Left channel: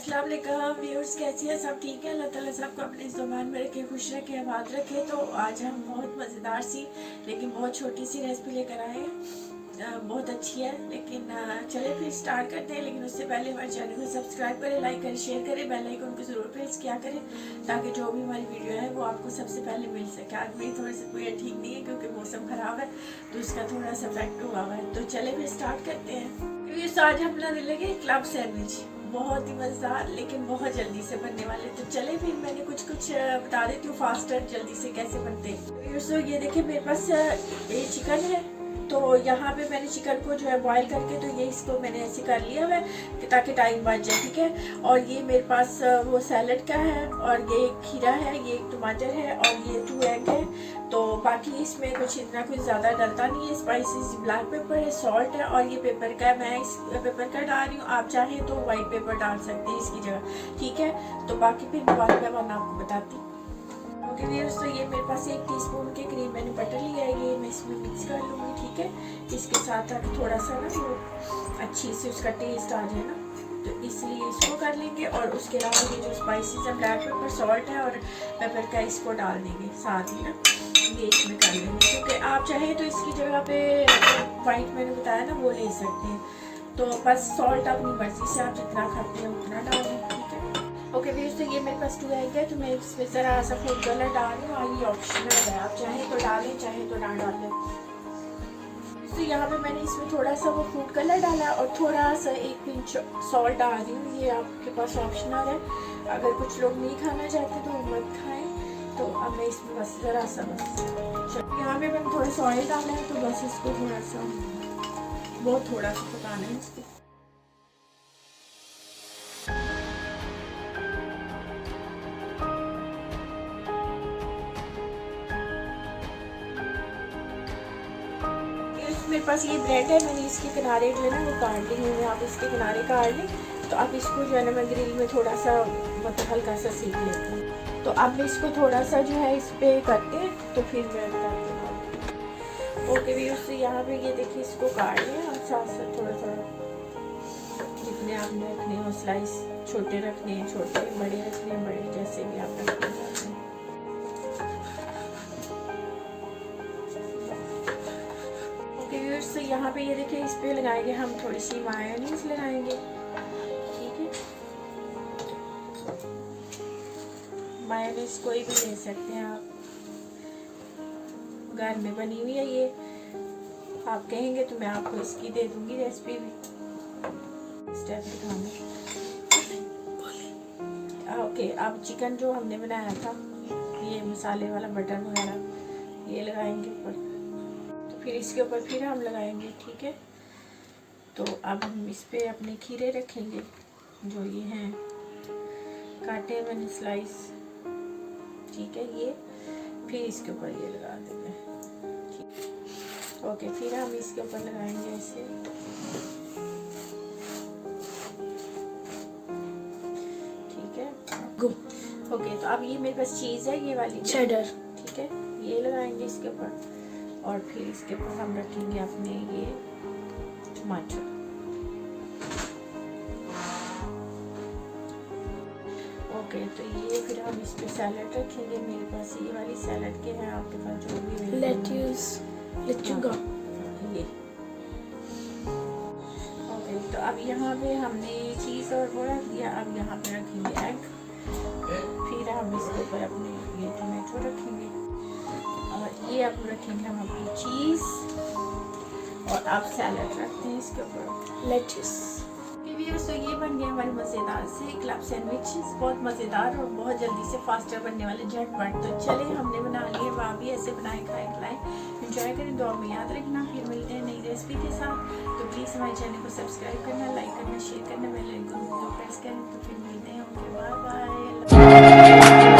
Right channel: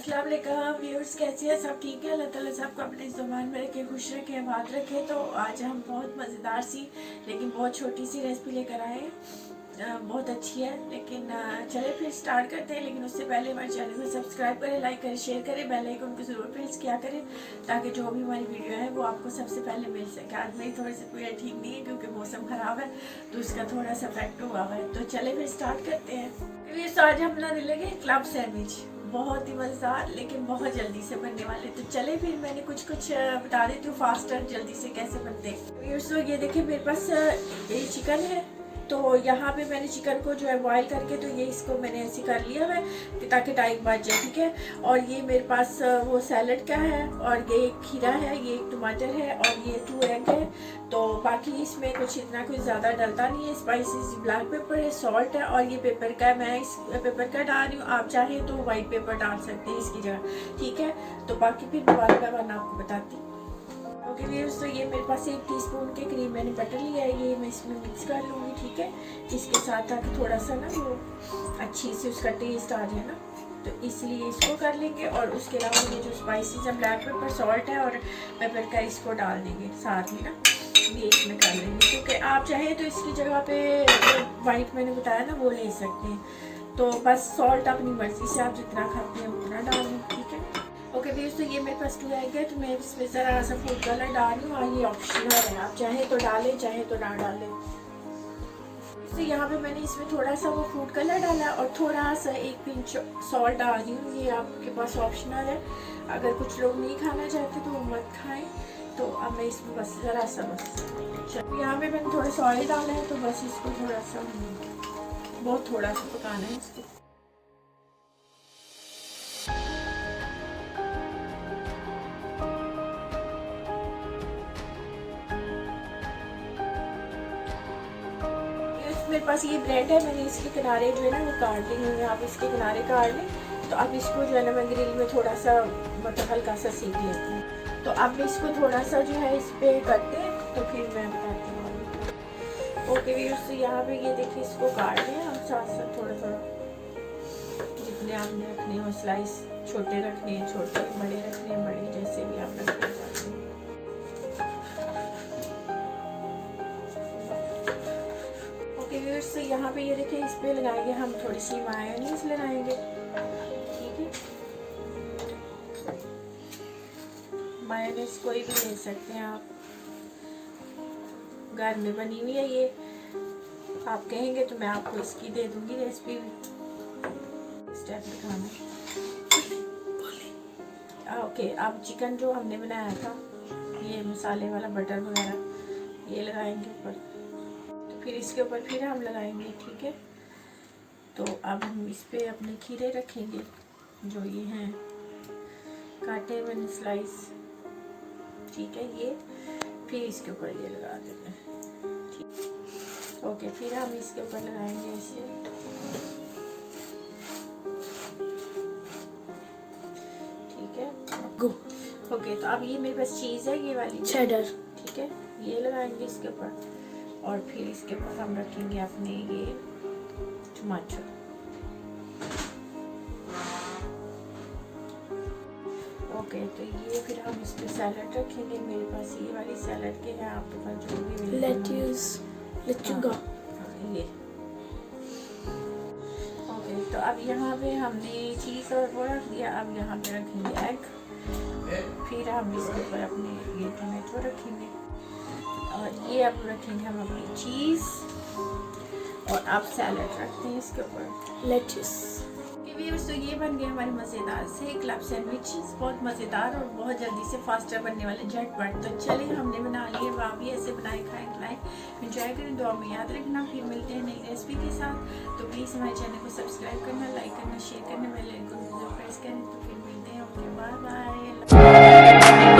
अस्सलाम वालेकुम व्यूअर्स, कैसे हैं सब? ठीक है। अल्लाह ताला सबको अपने ज़ुबान में रखे, खुश रखे, आबाद रखे। तो आज हम बहुत मज़ेदार सी लेकिन बहुत छोटी सी रेसिपी लेकर आए हैं। बहुत अच्छी है, लेकिन चले फिर स्टार्ट करते हैं। लेकिन उससे पहले हमारे चैनल को सब्सक्राइब करें, लाइक करें, शेयर करें, बेल आइकन को ज़रूर प्रेस किया करें ताकि जो भी हमारी वीडियो है वो आपको सबसे पहले मिल सके। आज मेरी थोड़ी सी तबीयत ठीक नहीं है क्योंकि मौसम ख़राब है, तो उसका थोड़ा सा इफेक्ट हुआ है। तो चले फिर स्टार्ट करते हैं। क्योंकि आज हम बनाने लगे क्लब सैंडविच, बहुत ही मज़ेदार लेकिन बहुत जल्दी से बनने वाले। तो चले फिर मैं कुछ बता देती हूँ फास्टर जल्दी से कैसे बनते हैं। तो ये देखिए मेरे पास ये चिकन है, तो यहाँ पे मैंने चिकन को जो है बॉईल करके तो ये इसको मैंने ऐसे कर लिया है ताकि टाइम बच जाए, ठीक है। और ये मेरे पास वो सैलड का है, और ये एक खीरा है, ये एक टमाटर है, और ये 2 एग है। तो बाकी इसमें कुछ इतना कुछ ज़्यादा डलता नहीं है। स्पाइसेस ब्लैक पेपर है, सॉल्ट है, और ये पेपर का है। मैं इस पेपर का डाल रही हूँ, आप चाहें तो वाइट पेपर डाल सकते हैं इसकी जगह, ठीक है। तो बाकी फिर दोबारा मैं आपको बताती हूँ। ओके व्यूअर्स, तो ये मेरे पास 1 टीस्पून के करीब मैंने बटर लिया है, ये मैं इसमें मिक्स कर लूँगी, ठीक है। इसके साथ ताकि थोड़ा सा ना वो अच्छी से उसका टेस्ट आ जाए ना, तो इसलिए इसको कर लेंगे। और उसके अलावा ये जो स्पाइसेस है, ब्लैक पेपर, सॉल्ट है और पेपर का, इसको डाल देंगे साथ ही ना, ये इसमें कर लेंगे। क्योंकि आप चाहें तो इसकी जगह पे वाइट मैंने बताया ना वो ले सकते हैं। तो बस सॉल्ट अपनी मर्ज़ी से आप जितना खाते हैं उतना डालें, ठीक है। ओके व्यूअर्स, तो ये मेरे पास 2 एग है, तो मैं इसमें ज़रा सा फूड कलर डाल रही हूँ, और ये ऑप्शनल है, आप चाहे तो डालें चाहे तो ना डालें। तो यहाँ पे मैंने इसमें थोड़ा सा वो फूड कलर डाला और थोड़ा सा 1 पिंच सॉल्ट डाल रही हूँ, ये आपके पास ऑप्शनल है। अगर कुछ लोग नहीं खाना चाहते तो वो मत खाएं। तो अब मैं इसमें बस ज़रा सा यहाँ पे मैंने थोड़ा सा ऑयल डाला है, तो बस इसको थोड़ा सा, बहुत थोड़ा सा पकाना है इसको। मेरे पास ये ब्रेड है, मैंने इसके किनारे जो है ना वो काट ली हुई है, आप इसके किनारे काट लें। तो अब इसको जो है ना मैं ग्रिल में थोड़ा सा मतलब हल्का सा सेक लेती हूँ। तो अब इसको थोड़ा सा जो है इस पर करते हैं, तो फिर मैं बताती हूँ। ओके व्यूअर्स, तो यहाँ पे ये देखिए इसको काट लें हम साथ साथ थोड़ा थोड़ा, जितने आपने रखने हो स्लाइस, छोटे रखने हैं छोटे, बड़े रखने हैं बड़े, जैसे भी आप रखना चाहते हैं। व्यूअर्स, तो यहाँ पे ये देखिए इस पे लगाएंगे हम थोड़ी सी मायोनीज लगाएंगे, ठीक है। मायोनीज कोई भी ले सकते हैं आप, घर में बनी हुई है ये। आप कहेंगे तो मैं आपको इसकी दे दूंगी रेसिपी भी, स्टेप दिखाना। ओके, अब चिकन जो हमने बनाया था, ये मसाले वाला बटर वगैरह ये लगाएंगे ऊपर, फिर इसके ऊपर फिर हम लगाएंगे, ठीक है। तो अब हम इस पे अपने खीरे रखेंगे, जो ये हैं काटे मैंने स्लाइस, ठीक है। ये फिर इसके ऊपर ये लगा देंगे, ठीक। ओके, फिर हम इसके ऊपर लगाएंगे ऐसे, ठीक है। ओके, तो अब ये मेरे पास चीज़ है, ये वाली चेडर, ठीक है, ये लगाएंगे इसके ऊपर। और फिर इसके ऊपर हम रखेंगे अपने ये टमाटर। ओके, तो ये फिर हम इस पे सैलड रखेंगे। मेरे पास ये वाली सैलड के हैं, आपके पास जो भी लेट्यूस लेट्यूगा ये। ओके, तो अब यहाँ पे हमने चीज़ और वो रख दिया। अब यहाँ पे रखेंगे एग, फिर हम इसके ऊपर अपने ये टमाटो रखेंगे, और ये अब रखेंगे हम अपनी चीज़, और अब सैलड रखते हैं इसके ऊपर, लेट्यूस। तो ये बन गया हमारे मज़ेदार से क्लब सैंडविच, बहुत मज़ेदार और बहुत जल्दी से फास्टर बनने वाले, झटपट। तो चले हमने बना लिए, वहाँ भी ऐसे बनाए, खाएं, खिलाएं, एंजॉय करें, दुआ में याद रखना। फिर मिलते हैं नई रेसिपी के साथ। तो प्लीज़ हमारे चैनल को सब्सक्राइब करना, लाइक करना, शेयर करना, बेल आइकन को प्रेस करें। तो फिर मिलते हैं, ओके, बाय बाय।